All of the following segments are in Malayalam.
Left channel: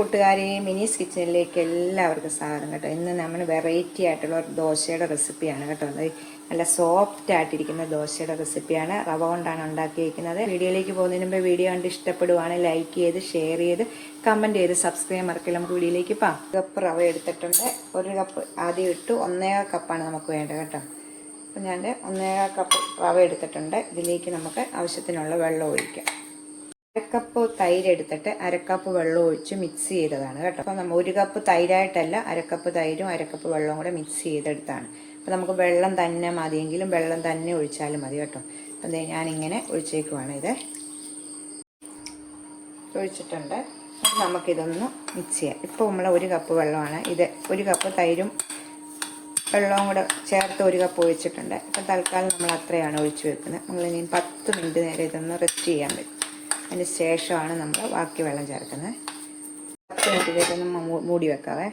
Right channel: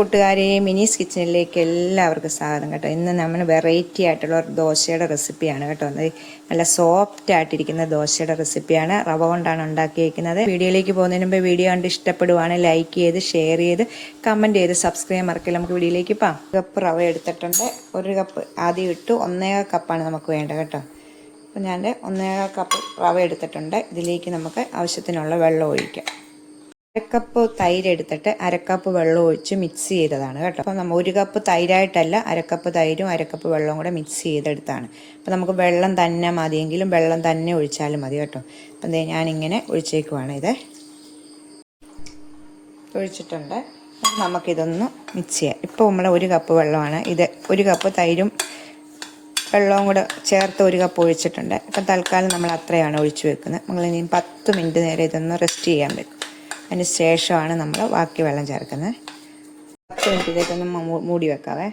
കൂട്ടുകാരെ, മിനീസ് കിച്ചണിലേക്ക് എല്ലാവർക്കും സ്വാഗതം കേട്ടോ. ഇന്ന് നമ്മൾ വെറൈറ്റി ആയിട്ടുള്ള ദോശയുടെ റെസിപ്പിയാണ് കേട്ടോ. നല്ല സോഫ്റ്റ് ആയിട്ടിരിക്കുന്ന ദോശയുടെ റെസിപ്പിയാണ്. റവ കൊണ്ടാണ് ഉണ്ടാക്കിയിരിക്കുന്നത്. വീഡിയോയിലേക്ക് പോകുന്നതിന് മുമ്പ് വീഡിയോ കണ്ട് ഇഷ്ടപ്പെടുവാണ് ലൈക്ക് ചെയ്ത് ഷെയർ ചെയ്ത് കമൻറ്റ് ചെയ്ത് സബ്സ്ക്രൈബ് മറക്കില്ല. നമുക്ക് വീഡിയോയിലേക്ക് പോകാം. കപ്പ് റവ എടുത്തിട്ടുണ്ട്. 1 കപ്പ് ആദ്യം ഇട്ടു. 1.25 കപ്പാണ് നമുക്ക് വേണ്ടത് കേട്ടോ. അപ്പോൾ ഞാൻ 1.25 കപ്പ് റവ എടുത്തിട്ടുണ്ട്. ഇതിലേക്ക് നമുക്ക് ആവശ്യത്തിനുള്ള വെള്ളം ഒഴിക്കാം. 1 കപ്പ് തൈര് എടുത്തിട്ട് 1/2 കപ്പ് വെള്ളം ഒഴിച്ച് മിക്സ് ചെയ്തതാണ് കേട്ടോ. അപ്പോൾ നമ്മൾ 1 കപ്പ് തൈരായിട്ടല്ല, 1/2 കപ്പ് തൈരും 1/2 കപ്പ് വെള്ളവും കൂടെ മിക്സ് ചെയ്തെടുത്താണ്. അപ്പോൾ നമുക്ക് വെള്ളം തന്നെ മതിയെങ്കിലും വെള്ളം തന്നെ ഒഴിച്ചാലും മതി കേട്ടോ. അപ്പം ഞാനിങ്ങനെ ഒഴിച്ചേക്കുവാണ്. ഇത് ഒഴിച്ചിട്ടുണ്ട്. നമുക്കിതൊന്ന് മിക്സ് ചെയ്യാം. ഇപ്പോൾ നമ്മൾ 1 കപ്പ് വെള്ളമാണ്. ഇത് 1 കപ്പ് തൈരും വെള്ളവും കൂടെ ചേർത്ത് 1 കപ്പ് ഒഴിച്ചിട്ടുണ്ട്. അപ്പം തൽക്കാലം നമ്മൾ അത്രയാണ് ഒഴിച്ച് വെക്കുന്നത്. നമ്മളിനി 10 മിനിറ്റ് നേരം ഇതൊന്ന് റെസ്റ്റ് ചെയ്യാൻ പറ്റും. അതിന് ശേഷമാണ് നമ്മൾ ബാക്കി വെള്ളം ചേർക്കുന്നത്. 10 മിനിറ്റിലേക്കൊന്ന് മൂടി വെക്കാവേ.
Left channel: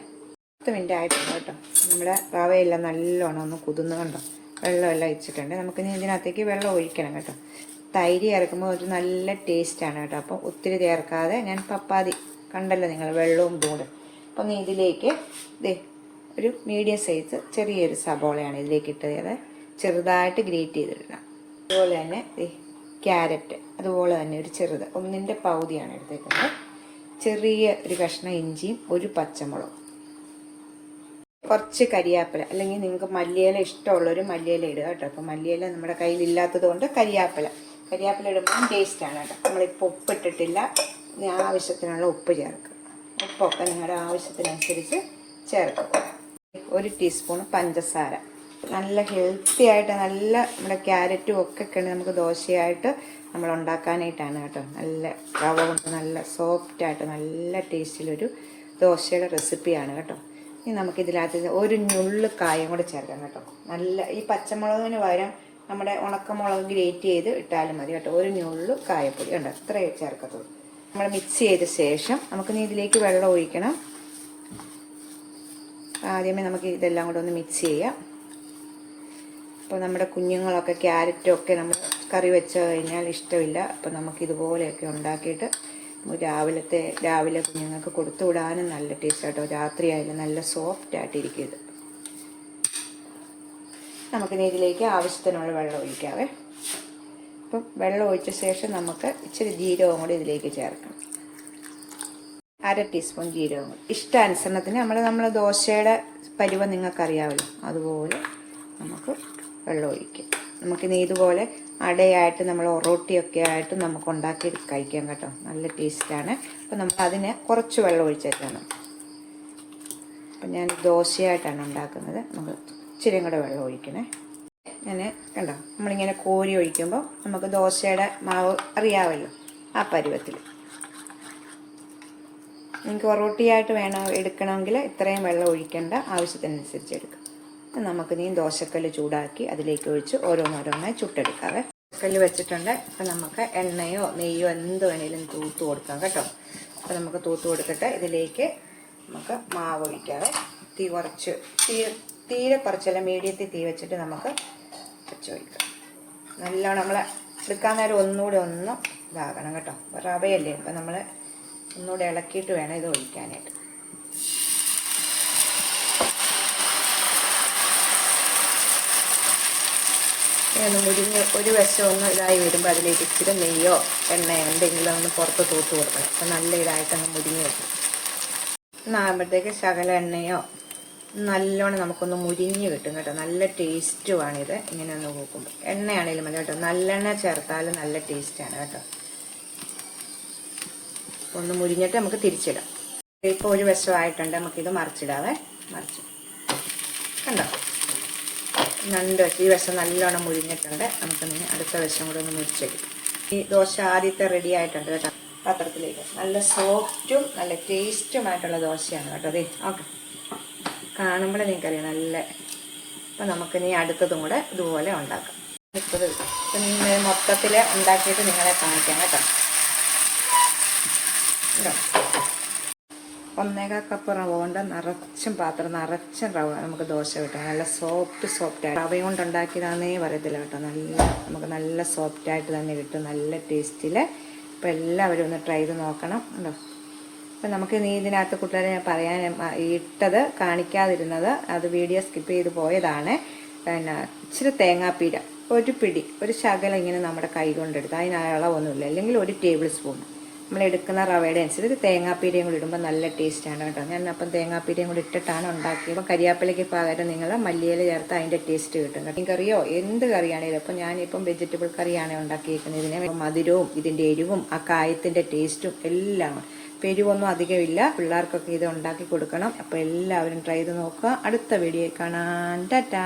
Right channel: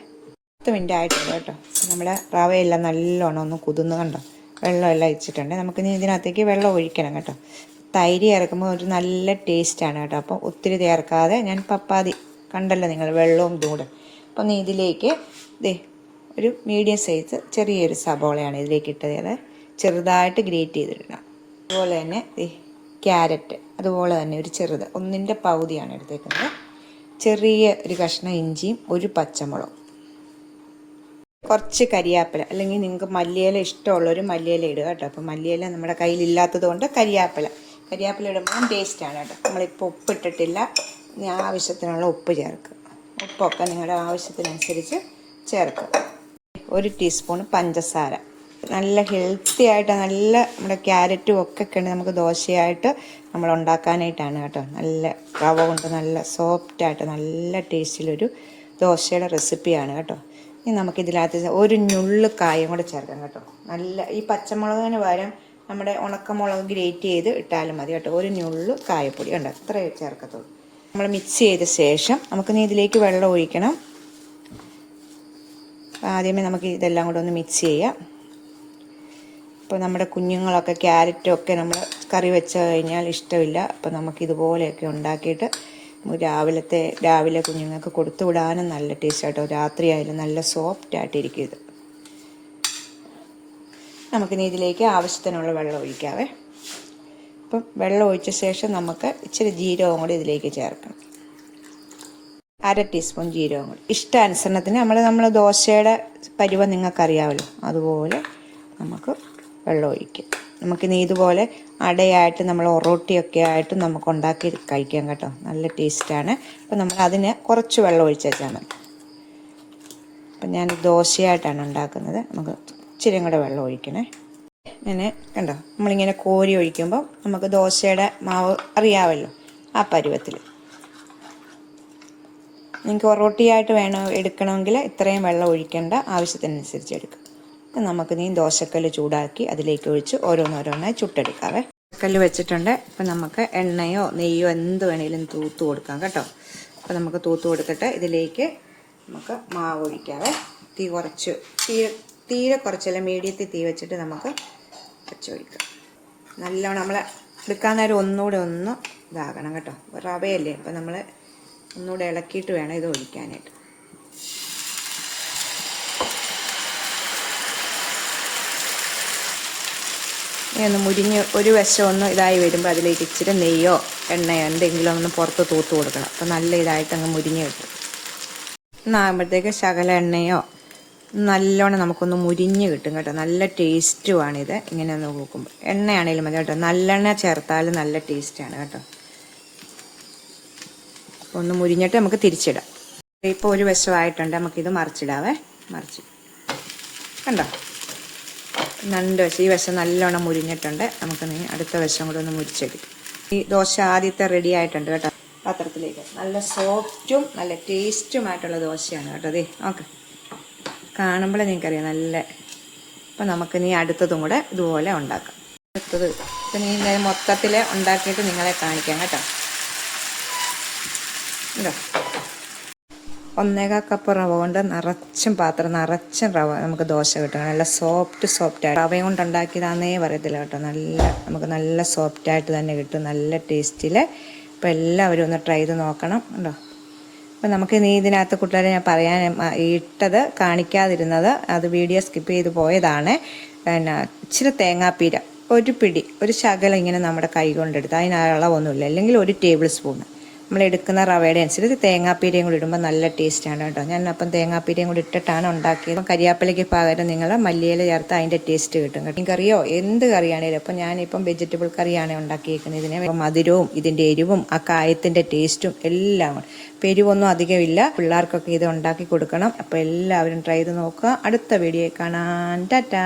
10 മിനിറ്റ് ആയിട്ടുണ്ട് കേട്ടോ. നമ്മുടെ റവയെല്ലാം നല്ലോണം ഒന്ന് കുതിർന്ന് കണ്ടോ, വെള്ളമെല്ലാം വെച്ചിട്ടുണ്ട്. നമുക്കിനി ഇതിനകത്തേക്ക് വെള്ളം ഒഴിക്കണം കേട്ടോ. തൈര് ചേർക്കുമ്പോൾ ഒരു നല്ല ടേസ്റ്റാണ് കേട്ടോ. അപ്പോൾ ഒത്തിരി ചേർക്കാതെ ഞാൻ പപ്പാതി കണ്ടല്ലോ നിങ്ങൾ, വെള്ളവും ഇതുകൂടെ. അപ്പം ഇതിലേക്ക് ഒരു മീഡിയം സൈസ് ചെറിയൊരു സബോളയാണ് ഇതിലേക്ക് ഇട്ടത്. ചെറുതായിട്ട് ഗ്രേറ്റ് ചെയ്തിടണം. അതുപോലെ തന്നെ ക്യാരറ്റ് അതുപോലെ തന്നെ ഒരു ചെറുത് 1/4 പകുതിയാണ് എടുത്തേക്കുന്നത്. ചെറിയ ഒരു കഷ്ണം ഇഞ്ചിയും 1 പച്ചമുളകും, കുറച്ച് കരിയാപ്പില, അല്ലെങ്കിൽ നിങ്ങൾക്ക് മല്ലിയില ഇഷ്ടമുള്ളൊരു മല്ലിയില ഇടുക കേട്ടോ. അപ്പോൾ മല്ലിയില നമ്മുടെ കയ്യിലില്ലാത്തത് കൊണ്ട് കരിയാപ്പില ഇടുമ്പോൾ ടേസ്റ്റാണ് കേട്ടോ. നമ്മളിപ്പോൾ ഉപ്പിട്ടിട്ടില്ല. ആവശ്യത്തിനുള്ള ഉപ്പ് ചേർക്കും. ഉപ്പൊക്കെ നിങ്ങളുടെ ആവശ്യത്തിനനുസരിച്ച് ചേർക്കും. 1 ടീസ്പൂൺ പഞ്ചസാര. നല്ല ഹെൽത്തി ആയിട്ട് നല്ല നമ്മുടെ ക്യാരറ്റും ഒക്കെ ഉണ്ട് നമുക്ക് ദോശയായിട്ട് നമ്മൾ ഉണ്ടാക്കാനായിട്ടാണ് കേട്ടോ. നല്ല റവ കൊണ്ട് നല്ല സോഫ്റ്റായിട്ട് നല്ല ടേസ്റ്റിലൊരു ദോശയുടെ റെസിപ്പിയാണ് കേട്ടോ. ഇനി നമുക്കിതിനകത്ത് 1 ഞുള്ള് കായം കൂടെ ചേർക്കാം കേട്ടോ. നല്ല ഈ പച്ചമുളകിന് പകരം നമ്മുടെ ഉണക്കമുളക് ഗ്രേറ്റ് ചെയ്ത് ഇട്ടാലും മതി കേട്ടോ. 1 ഞുള്ള് കായപ്പൊടി കണ്ടോ, അത്രയേ ചേർക്കത്തുള്ളൂ. നമ്മൾ മിക്സ് ചെയ്ത ശേഷം നമുക്കിനി ഇതിലേക്ക് വെള്ളം ഒഴിക്കണം. ആദ്യമേ നമുക്ക് ഇതെല്ലാം കൂടെ ഒന്ന് മിക്സ് ചെയ്യാം. ഇപ്പോൾ നമ്മുടെ കുഞ്ഞുങ്ങളൊക്കെ ക്യാരറ്റും ഒക്കെ നമ്മൾ കറി വെച്ച് കഴിഞ്ഞാൽ ഇഷ്ടമില്ല. അപ്പോൾ നമുക്കിതുപോലെയൊക്കെ ഉണ്ടാക്കിയിട്ട് രാവിലെ കുഞ്ഞുങ്ങൾക്ക് കൊടുത്തു വിടാനും നല്ല ടേസ്റ്റായിട്ടോ. രാത്രി ആയാലും നല്ല സോഫ്റ്റായിട്ടിരിക്കും ഇത്. നമുക്കിനി ഇതിലേക്ക് ആവശ്യത്തിനുള്ള വെള്ളം ഒഴിക്കാവേ. അപ്പം വെള്ളം ഒഴിച്ച ശേഷം നമുക്ക് ഇച്ചിരി ജീരകവും കൂടി ഇതിലേക്ക് ചേർക്കണം. 1/2 ടീസ്പൂൺ ജീരകവും കൂടി. ഇഷ്ടാനുസരണത്തിന് നമ്മൾ ദോശയുടെ പരുവം നിങ്ങൾക്കറിയാമല്ലോ, അതുപോലെ നമുക്ക് വെള്ളം ഒഴിക്കും. നമുക്കിനി ഇതുപോലെ അടയായിട്ട് നമ്മൾ ഒറോട്ടിയൊക്കെ ആയിട്ട് നമുക്ക് ഉണ്ടാക്കി കഴിക്കാം കേട്ടോ. നല്ല ടേസ്റ്റാണ്. അപ്പോൾ നമ്മൾ അതിന് കുറച്ച് വെള്ളം ഒഴിച്ച് വെച്ചാൽ മതി. അപ്പം ഞാൻ ദോശയായിട്ടാണ് ഉണ്ടാക്കുന്നത്. നമുക്ക് ഇച്ചിരി കൂടെ വെള്ളം ഒഴിക്കണേ. ഇങ്ങനെ കണ്ടോ, നമ്മളിങ്ങനെ കോരി ഒഴിക്കുമ്പോൾ നമുക്ക് ദോശയുടെ മാവ് അറിയാമല്ലോ, ആ പരുവത്തിൽ. നിങ്ങൾക്ക് ഒറോട്ടിയായിട്ട് എടുക്കണമെങ്കിൽ ഇത്രയും വെള്ളം ഒഴിക്കേണ്ട, ആവശ്യത്തിനനുസരിച്ച് എടുക്കാം. നമുക്ക് ദോശക്കല്ല് ചൂടാക്കി അതിലേക്ക് ഒഴിച്ച് ഓരോന്നോരോന്നായി ചുട്ടെടുക്കാവേ. കല്ല് വെച്ചിട്ടുണ്ട്. അപ്പം നമുക്ക് എണ്ണയോ നെയ്യോ എന്ത് വേണമെങ്കിലും തൂത്ത് കൊടുക്കാം കേട്ടോ. അപ്പോൾ നമുക്ക് തൂത്ത് കൊടുത്തിട്ട് ഇതിലേക്ക് നമുക്ക് മാവ് ഒഴിക്കാവേ. തീരെ കുറച്ചല്ല, മീഡിയത്തിൽ തീ വെച്ചിട്ട് നമുക്ക് ഒഴിക്കാം. നല്ലോണം നമ്മൾ എടുക്കാൻ നേരം ഒന്നുകൂടെ ഒന്ന് ഇതാകണം കേട്ടോ. റവയല്ലേ, അപ്പം നമ്മൾ ഒന്നുകൂടെ ഇളക്കിയിട്ട് വേണം ഇത് ഒഴിക്കാനായിട്ട്. ഒന്ന് മുരിഞ്ഞ് ഒരു വശം ഒന്ന് ഇതായി വരുമ്പോൾ അതിലേക്ക് ഇച്ചിരി നെയ്യോ എണ്ണയോ എന്തെങ്കിലും ഒന്ന് പുറത്ത് തൂത്ത് കൊടുക്കണം. അപ്പോൾ നല്ല ഇതായിട്ട് അങ്ങ് മുരിഞ്ഞ് കിട്ടും. എന്നാകുമ്പോഴത്തേക്ക് ശകല എണ്ണയോ നല്ലോണം നമുക്കൊന്ന് മുരിഞ്ഞ് കിട്ടും കേട്ടോ. നല്ല ടേസ്റ്റുമാണിത്. ഇങ്ങനെ ഒന്ന് നോക്കുമ്പോൾ എണ്ണയാണേലും മതി കേട്ടോ. നല്ലെണ്ണ ചേർത്താലും നല്ല ടേസ്റ്റാണ് കേട്ടോ. ഒന്ന് മുരിഞ്ഞിട്ട് നമുക്ക് തിരിച്ചിടാം. ഇപ്പോൾ ഒരു വശമായിട്ടുണ്ട്. നമുക്കിത് മറിച്ചിടാവേ. കണ്ടോ, 2 വശം. ഈ വശം നല്ലോണം മുരിഞ്ഞിട്ടുണ്ട്. നമുക്ക് അടുത്ത വശം കൂടെ ഒന്ന് മുരിച്ചെടുക്കും. ഈ ദോശ ആദ്യത്തെ റെഡി ആയിട്ടുണ്ട് കേട്ടോ. പാത്രത്തിലേക്ക് നല്ല സോഫ്റ്റും നല്ല ടേസ്റ്റുമായിട്ടുള്ള ദോശയാണ് കേട്ടോ. അതെ, ഓക്കെ, കാണുമ്പോൾ നിങ്ങൾക്കറിയാം നല്ല. അപ്പം നമുക്ക് അടുത്തതും കൂടെ ഇതുപോലെ ഉണ്ടാക്കാം. അടുത്തത് ഇപ്പം മൊത്തത്തിൽ ഉണ്ടാക്കിയിട്ട് നിങ്ങളെ കാണിക്കാം കേട്ടോ. 1.25 കപ്പ് റവ കൊണ്ട് പാത്രം നിറച്ചും റവ നമുക്ക് ദോശ കിട്ടും. നല്ല സോഫ്റ്റ് റവ കൊണ്ട് ഉണ്ടാക്കിയതാണെന്നേ പറയത്തില്ല കേട്ടോ. നമുക്ക് നല്ല സോഫ്റ്റായിട്ട് തന്നെ കിട്ടും, നല്ല ടേസ്റ്റിൽ. അപ്പോൾ എല്ലാവരും ഒന്ന് ട്രൈ ചെയ്ത് നോക്കണം കേട്ടോ. അപ്പം നമുക്ക് നീ ഇതിനകത്ത് കൂട്ടുകാരെ ഞാൻ പറയാൻ ഇട്ടത് കാണിക്കാതിരുന്നത്, അത് വീഡിയോ സ്കിപ്പ് ചെയ്ത് പോയതാണ്. പിന്നെ ഇച്ചിരി തേങ്ങാപ്പീര, ഒരു പിടി, ഒരു ശകലം ഇങ്ങനെ നമ്മുടെ കൈ കൊണ്ടെടുത്ത്, അതിന് അളവൊന്നുമില്ല, അല്ലെങ്കിൽ 1 ടേബിൾ സ്പൂൺ നമ്മൾ എടുക്കുന്ന റവയുടെ അനുസരിച്ച് തേങ്ങാപ്പീരയും കൂടി ഇടുമ്പോൾ നല്ല ടേസ്റ്റാണ് കേട്ടോ. ഞാൻ അപ്പം തേങ്ങാപ്പീരയും കൂടി ഇട്ടിട്ടാണ് ഉണ്ടാക്കിയത്. കരിയാപ്പിലയ്ക്ക് പകരം നിങ്ങൾ മല്ലിയില ചേർത്ത് അതിൻ്റെ ടേസ്റ്റ് കിട്ടും കേട്ടോ. കറിയോ എന്ത് കറിയാണേലും, അപ്പം ഞാനിപ്പം വെജിറ്റബിൾ കറിയാണ് ഉണ്ടാക്കിയിരിക്കുന്നത്. ഇതിന് മധുരവും ഇതിൻ്റെ എരിവും ആ കായത്തിൻ്റെ ടേസ്റ്റും എല്ലാം. അപ്പം എരിവൊന്നും അധികമില്ല. പിള്ളേർക്കൊക്കെ ഇത് ഉണ്ടാക്കി കൊടുക്കണം. അപ്പോൾ എല്ലാവരും ട്രൈ ചെയ്ത് നോക്കുക. അടുത്ത വീഡിയോ കാണാൻ. ടാറ്റാ.